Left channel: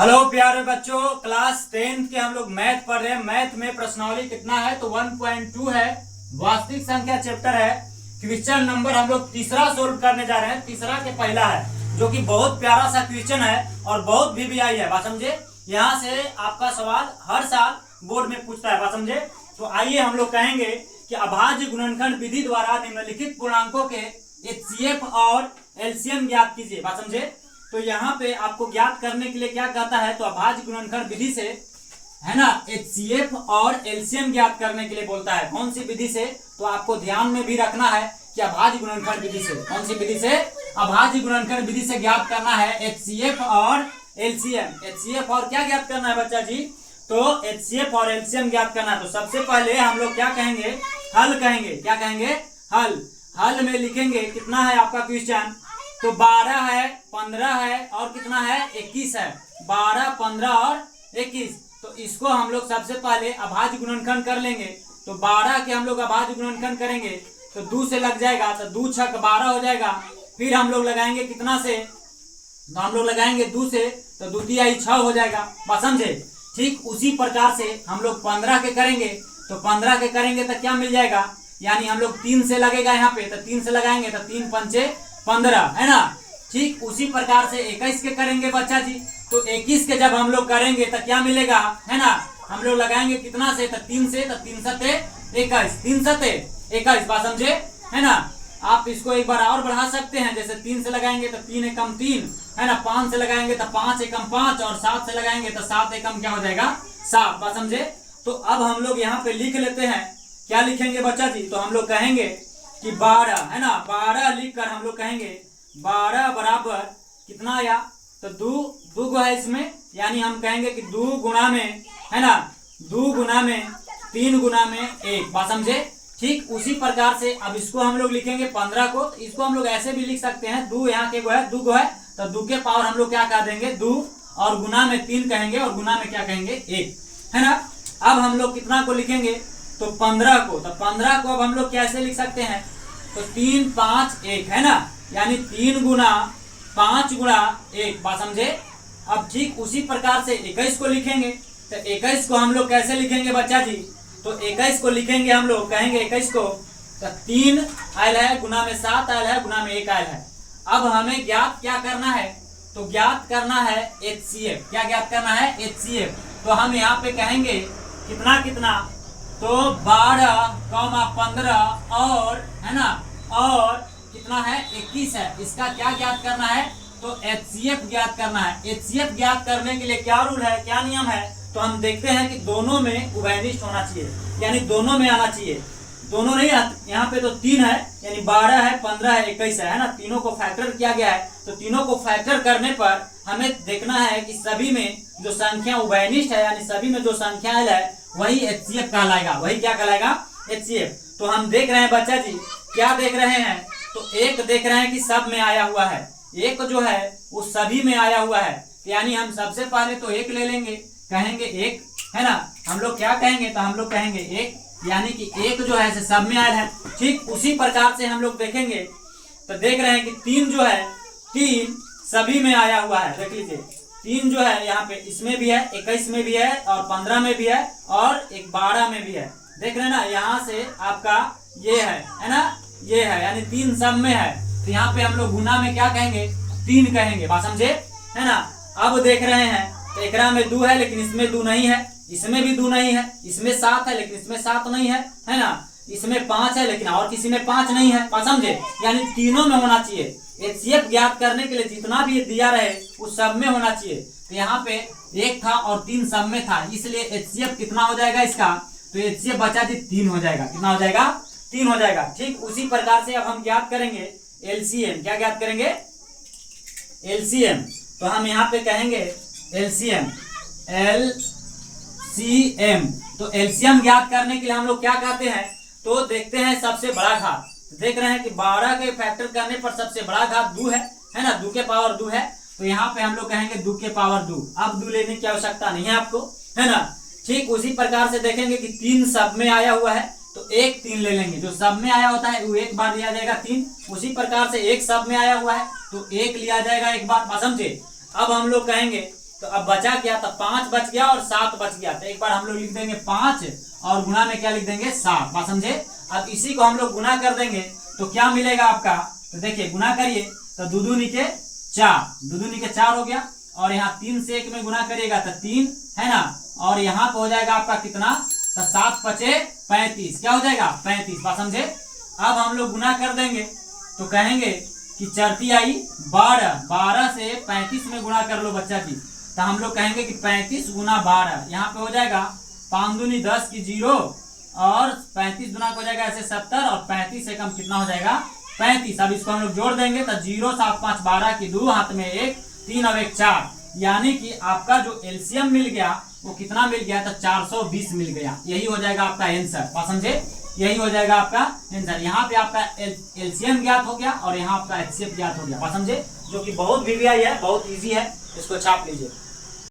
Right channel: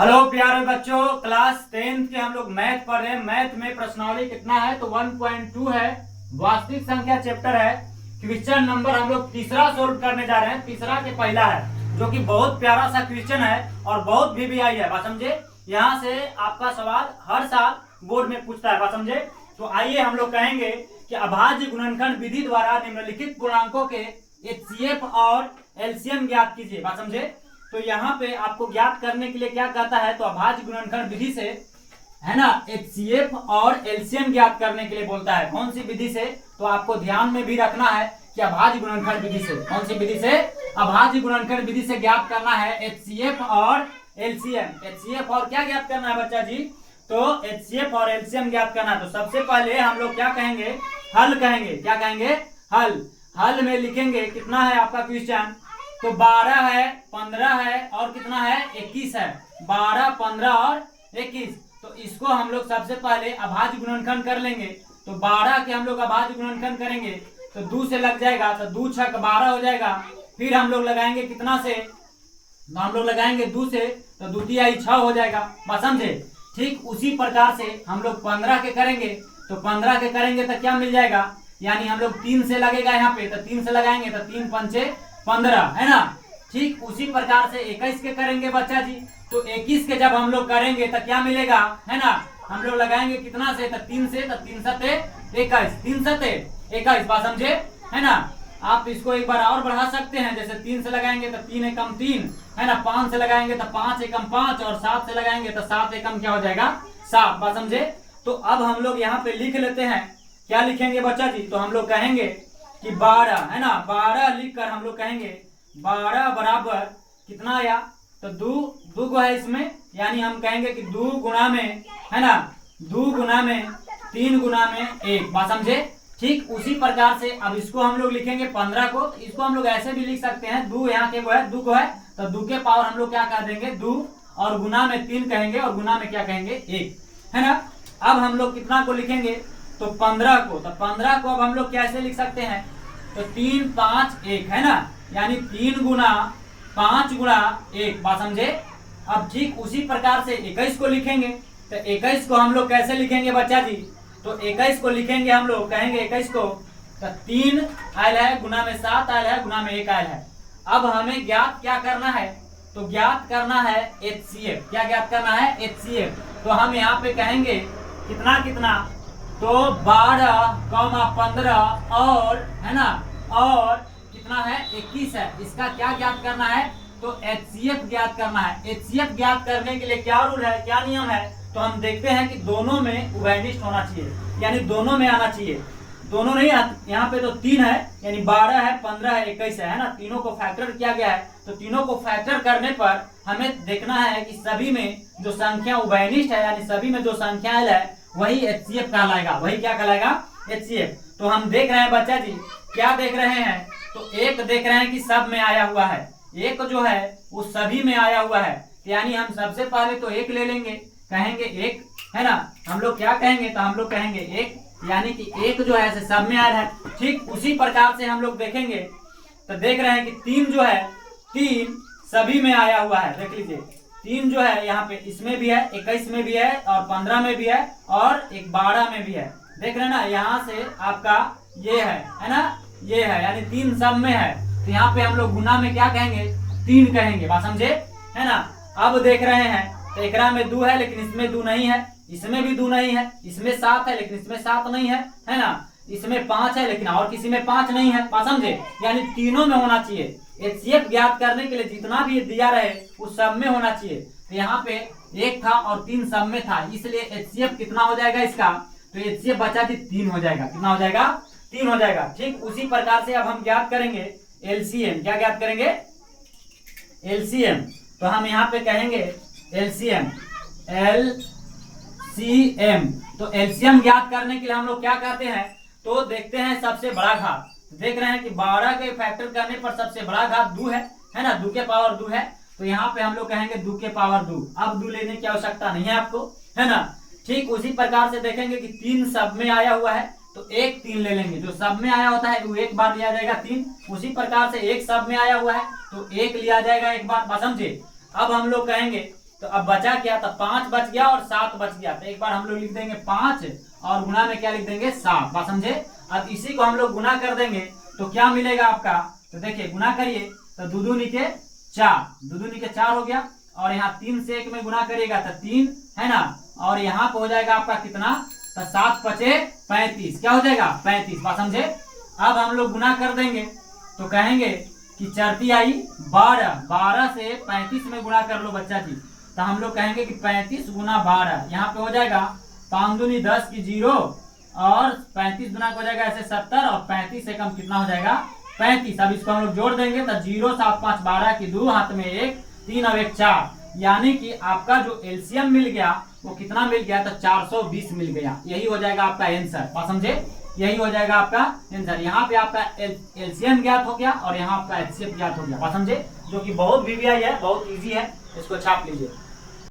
Hello प्यारे बच्चों, class 10th के हम लोग मैथ पढ़ रहे हैं। मैथ में प्रश्नावली कितना है तो 1.2 है। वास्तविक संख्या चैप्टर है। क्वेश्चन नंबर हम लोग तीसरा सोल्व करने जा रहे हैं। तीसरा के पहला है जो कि बहुत प्यारा सा क्वेश्चन है और बहुत VVI है। बात समझे, यहाँ से आपका सवाल हर साल बोर्ड में पूछता है। बात समझे, तो आइए हम लोग कहेंगे कि अभाज्य गुणनखंड विधि द्वारा निम्नलिखित पूर्णांकों के HCF और LCM ज्ञात कीजिए। बात समझे, तो यहाँ पे आपको ज्ञात करने के लिए क्या कहता है तो अभाज्य गुणनखंड विधि से, है ना, HCF और LCM ज्ञात करने के लिए बोलता है। कौन सी विधि से, तो आपको ध्यान में भी रखना है कि अभाज्य गुणनखंड विधि से। कौन सी विधि से? अभाज्य गुणनखंड विधि से ज्ञात करना है HCF और LCM। HCF और क्या ज्ञात करना है बच्चा जी, तो HCF और LCM ज्ञात करना है। तो सबसे पहले हम लोग क्या कहेंगे, हल कहेंगे। क्या कहेंगे? हल। हल में लिखेंगे कितना है आपका क्वेश्चन, तो 12 है, 15 है और कितना है 21 है। 12, 15 और 21। तो इसको हम लोग सबसे पहले अभाज्य गुणनखंड कर लेंगे। तो 12 के हम लोग अभाज्य गुणनखंड करेंगे तो 2 से लग जाएगा, तो 2 छक 12 हो जाएगा। फिर हम लोग लगाएंगे कितना से, तो हम लोग लगाएंगे 2 से, तो 2 तिहाई 6 हो जाएगा। बस समझे। ठीक उसी प्रकार से हम लोग 15 के करेंगे, तो 15 के करेंगे तो क्या मिल जाएगा, यानी हम लोग 3 से लगेगा यहाँ पे, तो 3 से लगाएंगे तो 3 पंचे 15, है ना। ठीक उसी प्रकार से 21 के करेंगे बच्चा जी, तो 21 के जब हम लोग करेंगे तो क्या मिलेगा, है ना, हम लोग लगाएंगे कितना से, तो 3 से, तो 3 सते 21, 3 सते 21। बात समझे, है ना। आप इसको एक बार और बढ़ा सकते हैं, जैसे 3 से लगाएंगे तो 3 एकम 3, है ना। 5 से लगाएंगे तो 5 एकम 5 और 7 से लगाएंगे तो 7 एकम क्या हो जाएगा, 7। बात समझे। तो अब हम लोग यहाँ पे लिख लेते हैं, क्या लिखेंगे बच्चा जी, तो हम लोग कहेंगे कि 12, है ना, 12 लिख कर हम लोग कहेंगे 12 बराबर कितना आया, तो 2 गो है इसमें, यानी हम कहेंगे कि 2 गुणा में, है ना, 2 गुणा में 3 गुणा में 1। बात समझे। ठीक उसी प्रकार से अब इसको हम लोग लिखेंगे 15 को, इसको हम लोग ऐसे भी लिख सकते हैं, 2 यहाँ के गो है, 2 गो है, तो 2 के पावर हम लोग क्या कह देंगे 2, और गुना में 3 कहेंगे और गुना में क्या कहेंगे 1, है ना। अब हम लोग कितना को लिखेंगे, तो 15 को, तो 15 को अब हम लोग कैसे लिख सकते हैं, तो 3, 5, 1, है ना, यानी 3 गुना 5 गुना 1। बात समझे। अब ठीक उसी प्रकार से 21 को लिखेंगे, तो 21 को हम लोग कैसे लिखेंगे बच्चा जी, तो 21 को लिखेंगे हम लोग कहेंगे 21 को, तो 3 आयल है, गुना में 7 आयल है, गुना में 1 आयल है। अब हमें ज्ञात क्या करना है, तो ज्ञात करना है HCF। क्या ज्ञात करना है, HCF। तो हम यहाँ पे कहेंगे कितना कितना, तो 12, 15 और, है ना, और कितना है 21 है। इसका क्या ज्ञात करना है, तो HCF ज्ञात करना है। HCF ज्ञात करने के लिए क्या रूल है, क्या नियम है, तो हम देखते हैं कि दोनों में उभयनिष्ठ होना चाहिए, यानी दोनों में आना चाहिए। दोनों नहीं, यहाँ पे तो 3 है, यानी 12 है, 15 है, 21 है ना। तीनों को फैक्टर किया गया है, तो तीनों को फैक्टर करने पर हमें देखना है कि सभी में जो संख्या उभयनिष्ठ है, यानी सभी में जो संख्या है वही HCF कहलाएगा। वही क्या कहलाएगा, HCF। तो हम देख रहे हैं बच्चा जी, क्या देख रहे हैं, तो एक देख रहे हैं कि सब में आया हुआ है, एक जो है वो सभी में आया हुआ है, यानी हम सबसे पहले तो एक ले लेंगे, कहेंगे 1, है ना। हम लोग क्या कहेंगे, तो हम लोग कहेंगे 1, यानी कि 1 जो है सब में आया है। ठीक उसी प्रकार से हम लोग देखेंगे, तो देख रहे हैं कि 3 जो है, 3 सभी में आया हुआ है। देख लीजिए 3 जो है यहाँ पे इसमें भी है, 21 में भी है और 15 में भी है और 12 में भी है। देख रहे हैं ना, यहाँ से आपका ये है ना, ये है, यानी 3 सब में है। तो यहाँ पे हम लोग गुना में क्या कहेंगे, 3 कहेंगे। बात समझे, है ना। अब देख रहे हैं तो एकरा में 2 है, लेकिन इसमें 2 नहीं है, इसमें भी 2 नहीं है, इसमें 7 है लेकिन इसमें 7 नहीं है, है ना। इसमें 5 है लेकिन और किसी में 5 नहीं है। बात समझे, यानी तीनों में होना चाहिए। HCF ज्ञात करने के लिए जितना भी दिया रहे वो सब में होना चाहिए। तो यहाँ पे 1 था और 3 सब में था, इसलिए HCF कितना हो जाएगा इसका, तो HCF बचा जी 3 हो जाएगा। कितना हो जाएगा, 3 हो जाएगा। ठीक उसी प्रकार से अब हम ज्ञात करेंगे LCM। क्या ज्ञात करेंगे, LCM। तो हम यहाँ पे कहेंगे LCM, LCM। तो LCM ज्ञात करने के लिए हम लोग क्या कहते हैं, तो देखते हैं सबसे बड़ा घात। देख रहे हैं कि 12 के फैक्टर करने पर सबसे बड़ा घात 2 है ना, 2 के पावर 2 है। तो यहाँ पे हम लोग कहेंगे 2 के पावर 2। अब 2 लेने की आवश्यकता नहीं है आपको, है ना। ठीक उसी प्रकार से देखेंगे कि 3 सब में आया हुआ है, तो 1 3 ले लेंगे। जो सब में आया होता है वो एक बार लिया जाएगा 3। उसी प्रकार से 1 सब में आया हुआ है तो 1 लिया जाएगा एक बार। समझे। अब हम लोग कहेंगे तो अब बचा क्या, तो 5 बच गया और 7 बच गया। तो एक बार हम लोग लिख देंगे 5 और गुना में क्या लिख देंगे 7। बात समझे। अब इसी को हम लोग गुना कर देंगे तो क्या मिलेगा आपका, तो देखिए गुना करिए तो 2 दूनी के 4, 2 दूनी के 4 हो गया। और यहाँ 3 से 1 में गुना करिएगा तो 3 है ना। और यहाँ पे हो जाएगा आपका कितना, तो 7 पचे 35, क्या हो जाएगा 35। बात समझे। अब हम लोग गुना कर देंगे तो कहेंगे कि चरती आई 12, 12 से 35 में गुना कर लो बच्चा जी। तो हम लोग कहेंगे कि 35 गुना 12, यहाँ पे हो जाएगा 5 दूनी 10 की 0 और 35 गुना हो जाएगा ऐसे 70 और 35 से कम कितना हो जाएगा 35। अब इसको हम लोग जोड़ देंगे तो 0 7 5 12 की 2 हाथ में 1 3 और 1 4, यानी कि आपका जो एलसीएम मिल गया वो कितना मिल गया, तो 420 मिल गया। यही हो जाएगा आपका आंसर। बात समझे, यही हो जाएगा आपका आंसर। यहाँ पे आपका एलसीएम ज्ञात हो गया और यहाँ आपका एचसीएफ ज्ञात हो गया। बात समझे, जो कि बहुत वीवीआई है, बहुत इजी है, इसको छाप लीजिए।